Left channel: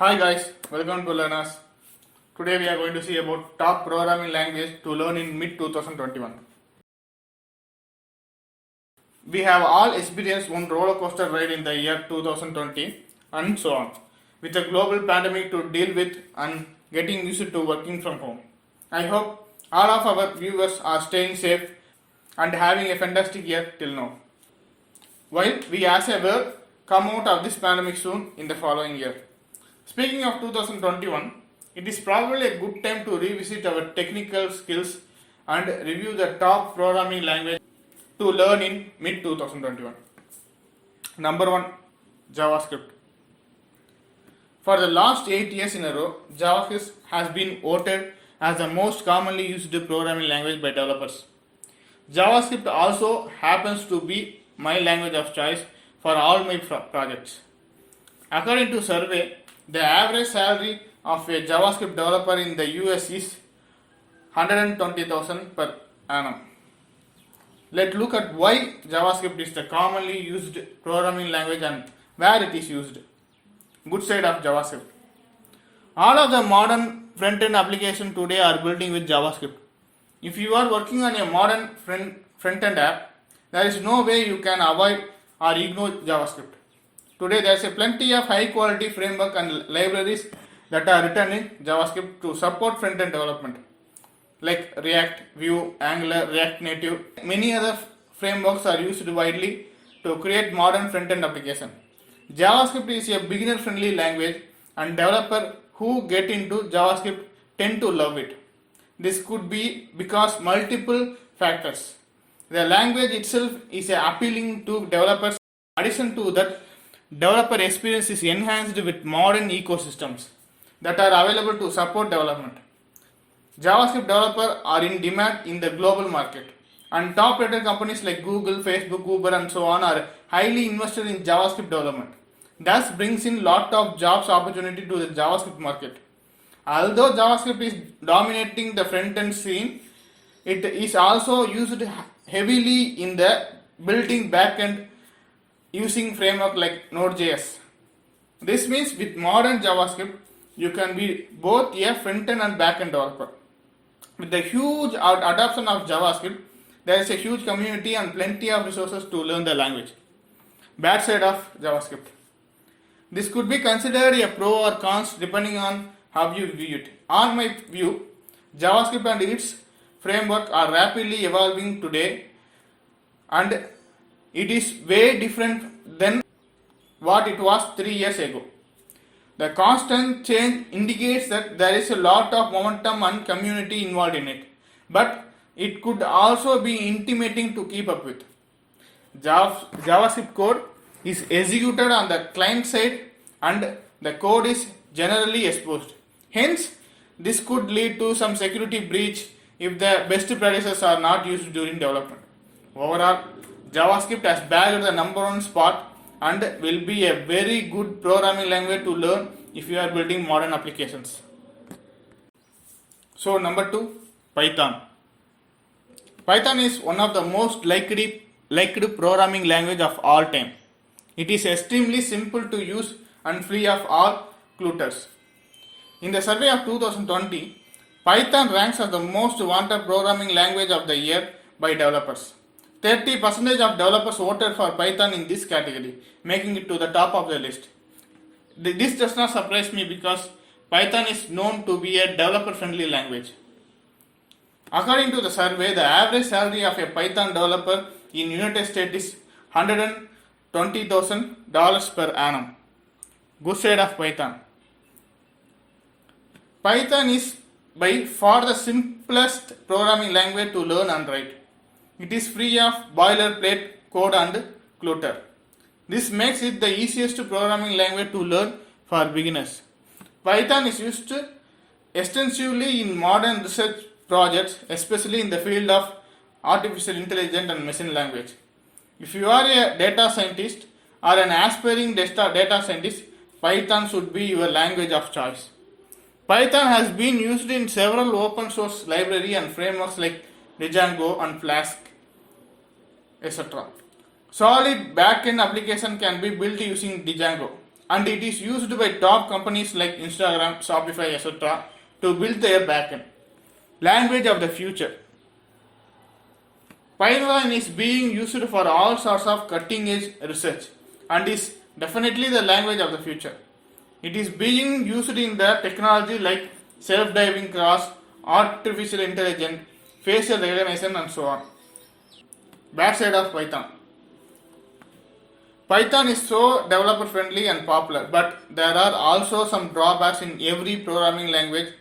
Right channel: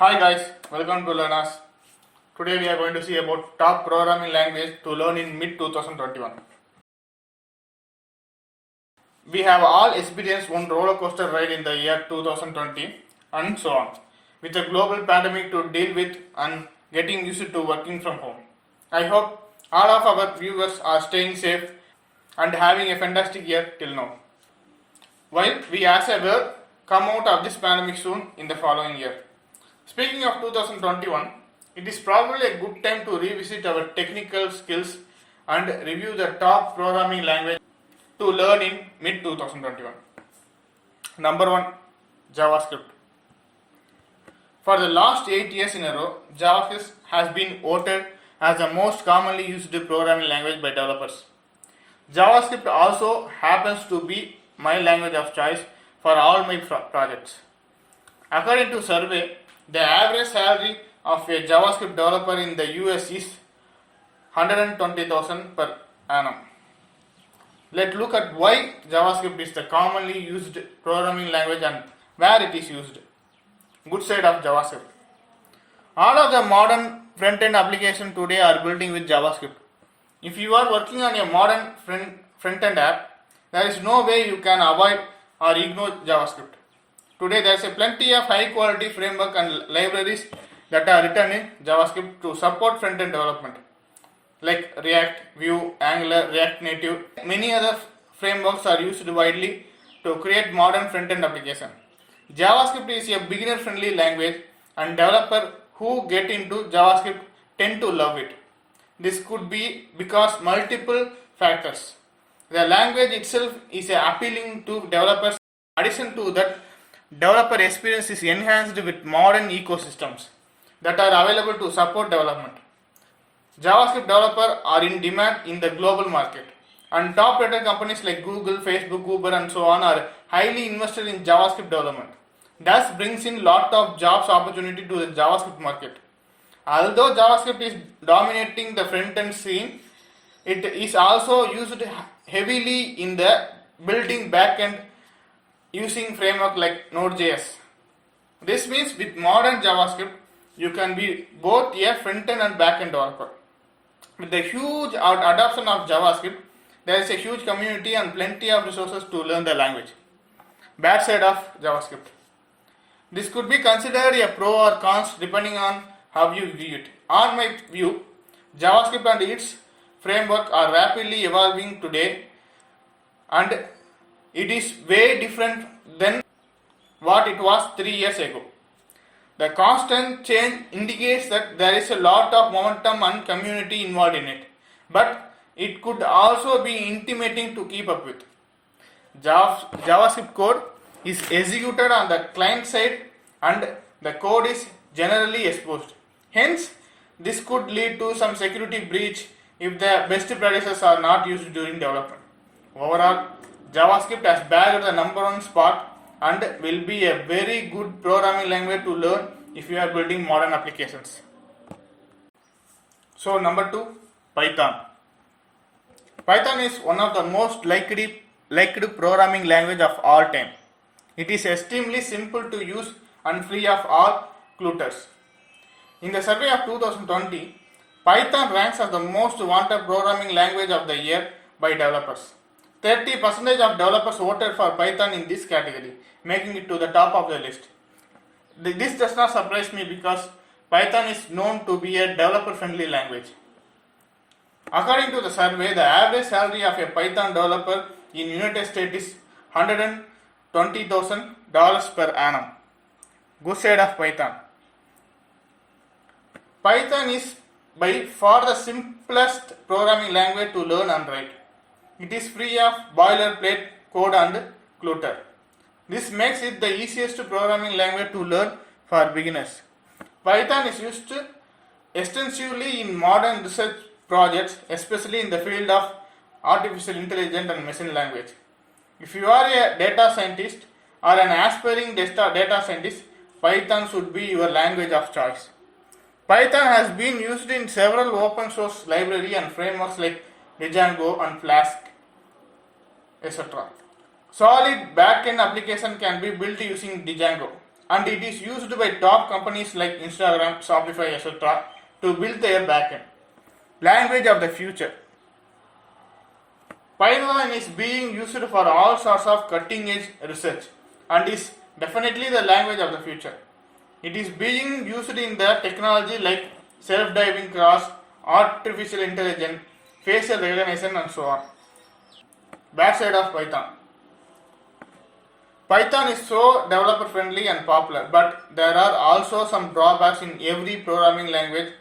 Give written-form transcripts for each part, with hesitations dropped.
Hi guys, welcome to Learners. Today we are going to see about top programming language to learn in mid 2021. We have all experienced one roller coaster ride in the year 2020 and so on, with a global pandemic to deal with and getting used to working from home. I hope all of our viewers are staying safe and having a fantastic year till now. While we as a world come out of this pandemic soon in the following year. Speaking of 2021, it is probably a good time to revisit our technical skills and review the top programming language to learn in mid 2021. Number 1, JavaScript. For the last 8 years in a row, JavaScript has been voted as the most commonly used programming language by developers. JavaScript also happens to be my language of choice for all my projects. According to survey, the average salary of a JavaScript developer in the US is 120,000 per annum. Let's look at why JavaScript is the commonly used programming language and where it is used. Good side of JavaScript. All of the modern front-end applications today are building with JavaScript. If you are working on a modern front-end app, there is no way you can avoid or ignore JavaScript. Today there is plenty of high quality framework and libraries that are written in JavaScript to support front-end development, like React, Vue, Angular, React Native. Many other frameworks are used widely to create modern front-end application. JavaScript is a beginner-friendly language and developers who get into JavaScript tend to love it. This could be because multiple factors. The language itself is appealing to developers. In addition to that, developer experience is enhanced with modern ecosystems that are available to support development. JavaScript developers are in demand in the global market, and top-rated companies like Google, Facebook, Uber, and so on are highly invested in JavaScript development. Thus brings in lot of jobs opportunity to the JavaScript market. Although JavaScript is dominating the front-end scene, it is also used heavily in the building back-end using framework like Node.js. This means with modern JavaScript, you can be both a front-end and back-end developer. With the huge adoption of JavaScript, there is a huge community and plenty of resources to learn the language. Bad side of JavaScript. This could be considered a pro or cons depending on how you view it. On my view, JavaScript and its framework are rapidly evolving today, and it is way different than what it was 3 years ago. The constant change indicates that there is a lot of momentum and community involved in it, but it could also be intimidating to keep up with. JavaScript code is executed on the client side and the code is generally exposed. Hence, this could lead to some security breach if the best practices are not used during development. Overall, JavaScript has bagged the number 1 spot and will be a very good programming language to learn if you are building modern applications. So number 2, Python. Python is one of the most liked programming language of all time. It is extremely simple to use and free of all clutters. In the survey of 2020, Python ranks as the most wanted programming language of the year by developers. 30% of developers voted for Python in this category, making it to the top of the list. This does not surprise me because Python is known to be a developer-friendly language. According to the survey, the average salary of a Python developer in United States is $120,000 per annum. Good side of Python. Python is by far the simplest programming language to learn and write. It is free of boilerplate code and clutter. This makes it the easiest programming language to learn for beginners. Python is used extensively in modern research projects, especially in the field of artificial intelligence and machine language. If you are a data scientist or an aspiring data scientist, Python should be your language of choice. Python has been used in several open source libraries and frameworks like Django and Flask, etc. Solid backend application can be built using Django. and it is used by top companies like Instagram, Shopify, etc. to build their backend. Language of the future. Python is being used for all sorts of cutting edge research and is definitely the language of the future. It is being used in the technology like self-driving cars, artificial intelligence, facial recognition and so on. Bad side of Python. Python is so developer friendly and popular, but there are also some drawbacks in every programming language.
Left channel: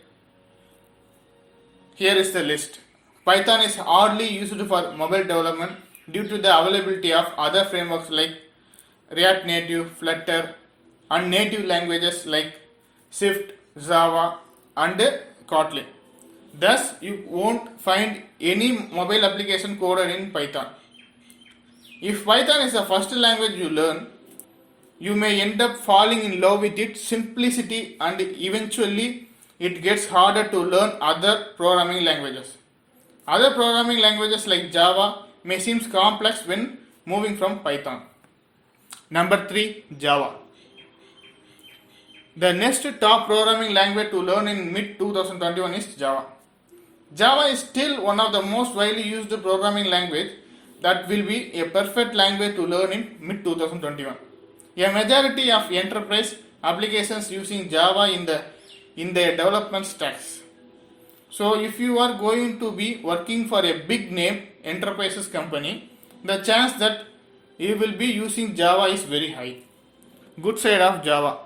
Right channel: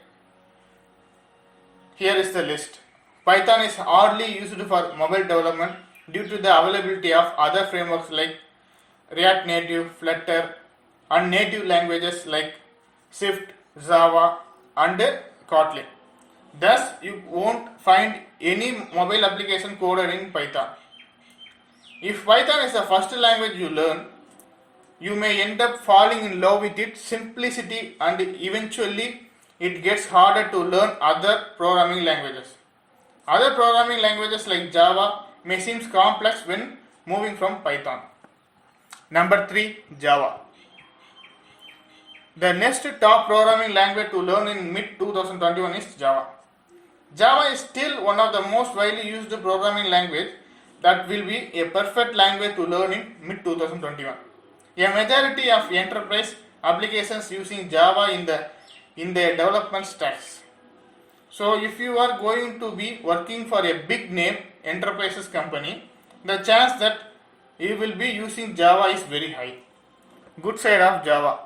Here is the list. Python is hardly used for mobile development due to the availability of other frameworks like React Native, Flutter, and native languages like Swift, Java, and Kotlin. Thus, you won't find any mobile application coded in Python. If Python is the first language you learn, you may end up falling in love with its simplicity and eventually it gets harder to learn other programming languages. Other programming languages like Java may seem complex when moving from Python. Number 3, Java. The next top programming language to learn in mid 2021 is Java. Java is still one of the most widely used programming language that will be a perfect language to learn in mid 2021. A majority of enterprise applications using Java in their development stacks. So if you are going to be working for a big name enterprises company, the chance that you will be using Java is very high. Good side of Java.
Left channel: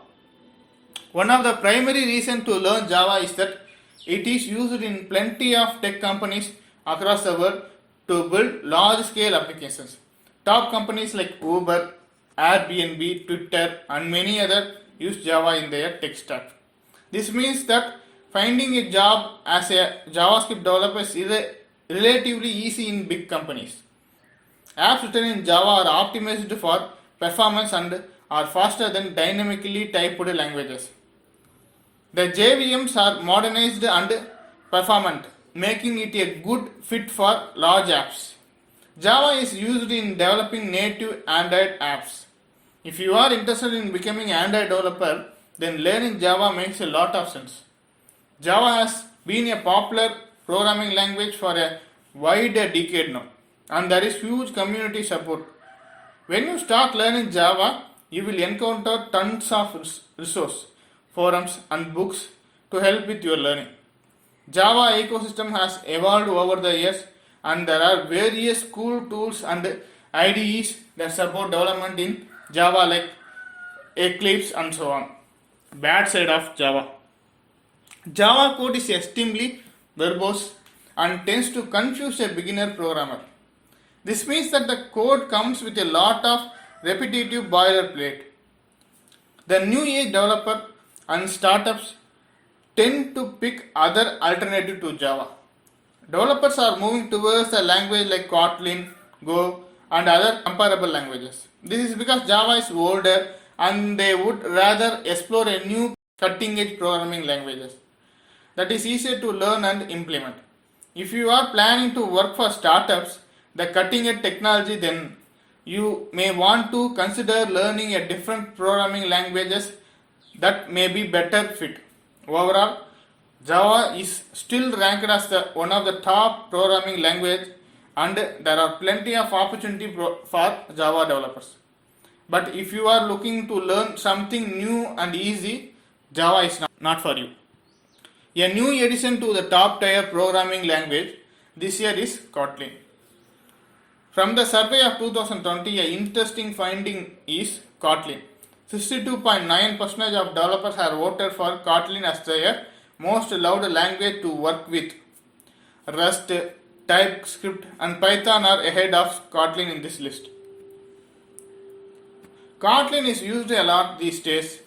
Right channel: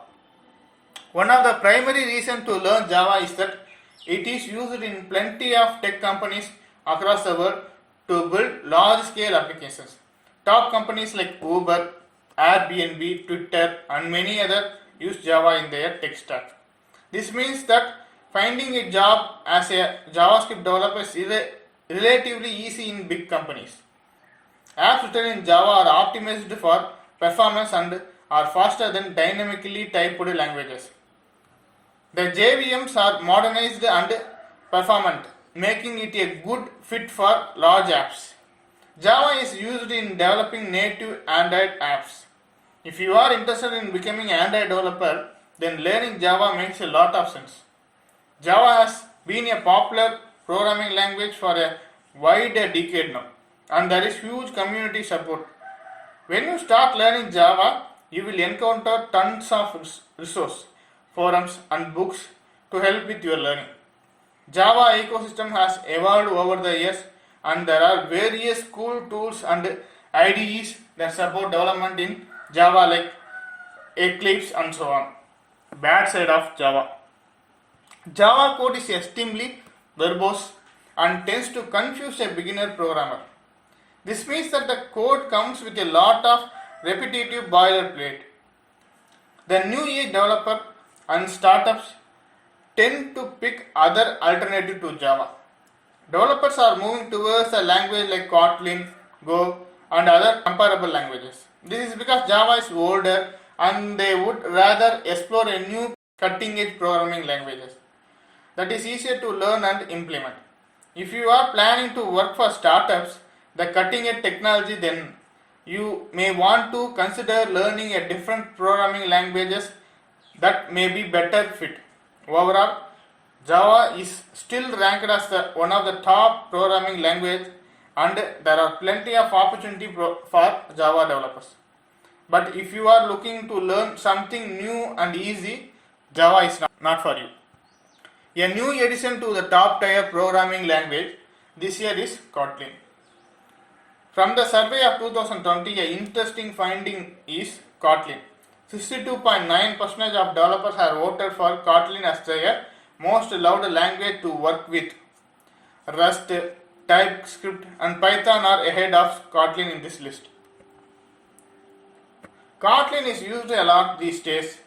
One of the primary reasons to learn Java is that it is used in plenty of tech companies across the world to build large scale applications. Top companies like Uber, Airbnb, Twitter, and many others use Java in their tech stack. This means that finding a job as a JavaScript developer is relatively easy in big companies. Apps written in Java are optimized for performance and are faster than dynamically typed languages. The JVMs are modernized and performant, making it a good fit for large apps. Java is used in developing native Android apps. If you are interested in becoming an Android developer, then learning Java makes a lot of sense. Java has been a popular programming language for a wide decade now, and there is huge community support. When you start learning Java, you will encounter tons of resources, forums, and books to help with your learning. Java ecosystem has evolved over the years, and there are various cool tools and IDEs that support development in Java like Eclipse and so on. Bad side of Java. Java code is extremely verbose and tends to confuse a beginner programmer. This means that the code comes with a lot of repetitive boilerplate. The new age developer and startups tend to pick other alternative to Java. Developers are moving towards a language like Kotlin, Go, and other comparable languages. This is because Java is older and they would rather explore a new cutting edge programming languages that is easier to learn and implement. If you are planning to work for startups, the cutting edge technology, then you may want to consider learning a different programming languages that may be better fit. Overall, Java is still ranked as one of the top programming language and there are plenty of opportunity for Java developers. But if you are looking to learn something new and easy, Java is not for you. A new addition to the top tier programming language this year is Kotlin. From the survey of 2020, an interesting finding is Kotlin. 62.9% of developers have voted for Kotlin as their most loved language to work with. Rust, TypeScript, and Python are ahead of Kotlin in this list. Kotlin is used a lot these days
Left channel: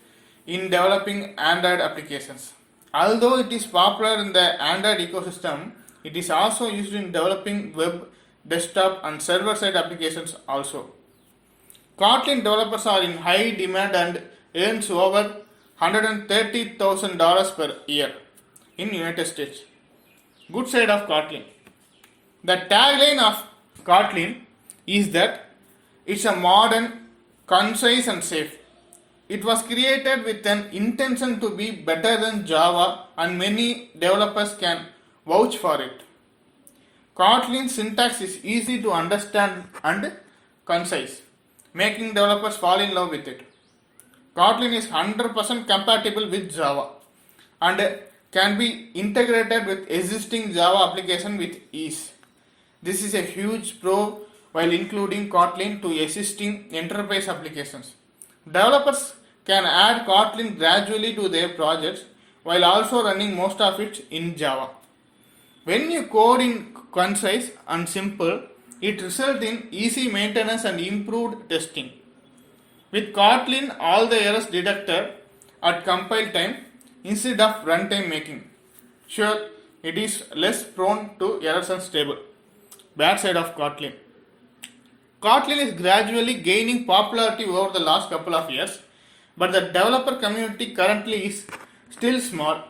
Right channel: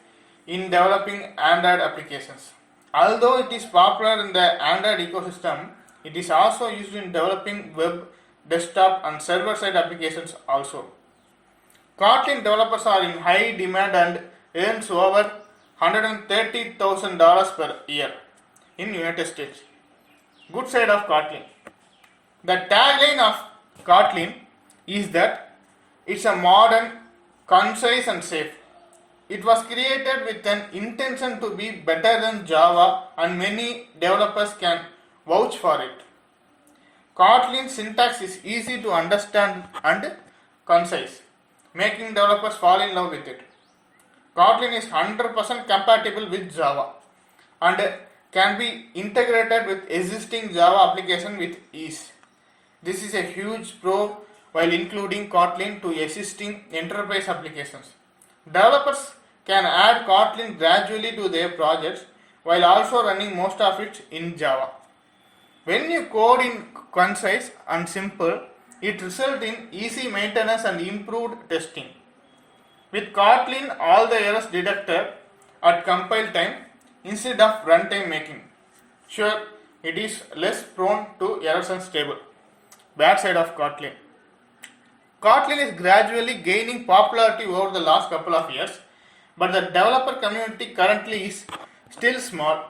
in developing Android applications. Although it is popular in the Android ecosystem, it is also used in developing web, desktop, and server-side applications also. Kotlin developers are in high demand and earns over $130,000 per year in United States. Good side of Kotlin. The tagline of Kotlin is that it's a modern, concise and safe. It was created with an intention to be better than Java, and many developers can vouch for it. Kotlin syntax is easy to understand and concise, making developers fall in love with it. Kotlin is 100% compatible with Java and can be integrated with existing Java application with ease. This is a huge pro while including Kotlin to existing enterprise applications. Developers can add Kotlin gradually to their projects while also running most of it in Java. When you code in concise and simple, it results in easy maintenance and improved testing. With Kotlin, all the errors deducted at compile time instead of runtime making. Sure, it is less prone to errors and stable. Bad side of Kotlin. Kotlin is gradually gaining popularity over the last couple of years, but the developer community currently is still small.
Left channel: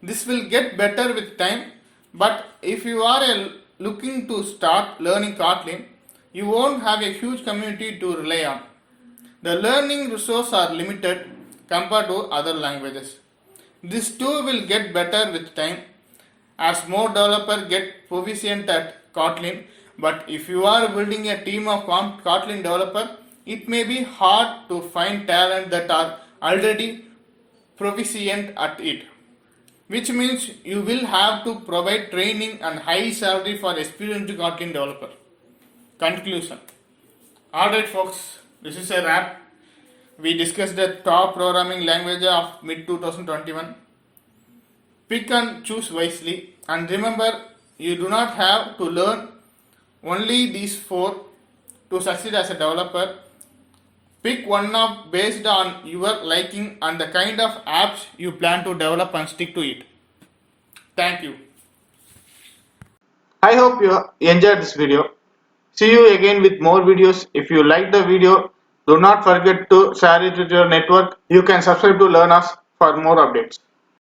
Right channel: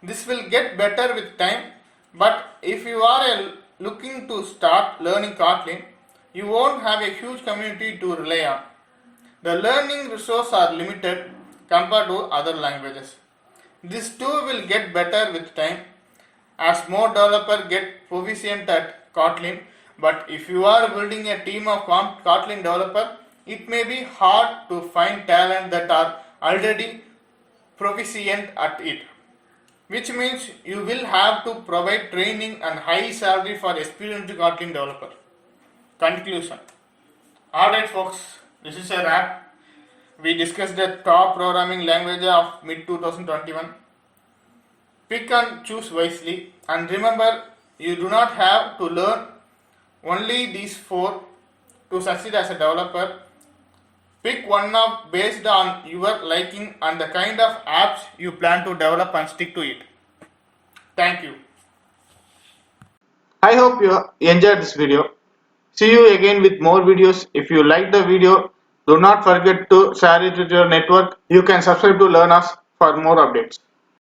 This will get better with time, but if you are looking to start learning Kotlin, you won't have a huge community to rely on. The learning resources are limited compared to other languages. This too will get better with time as more developers get proficient at Kotlin. But if you are building a team of Kotlin developers, it may be hard to find talent that are already proficient at it, which means you will have to provide training and high salary for experienced Kotlin developer. Conclusion. Alright folks, this is a wrap. We discussed the top programming language of mid 2021. Pick and choose wisely, and remember, you do not have to learn only these four to succeed as a developer. Pick one of based on your liking and the kind of apps you plan to develop and stick to it. Thank you. I hope you enjoyed this video. See you again with more videos. If you like the video, do not forget to share it with your network. You can subscribe to learn us for more updates.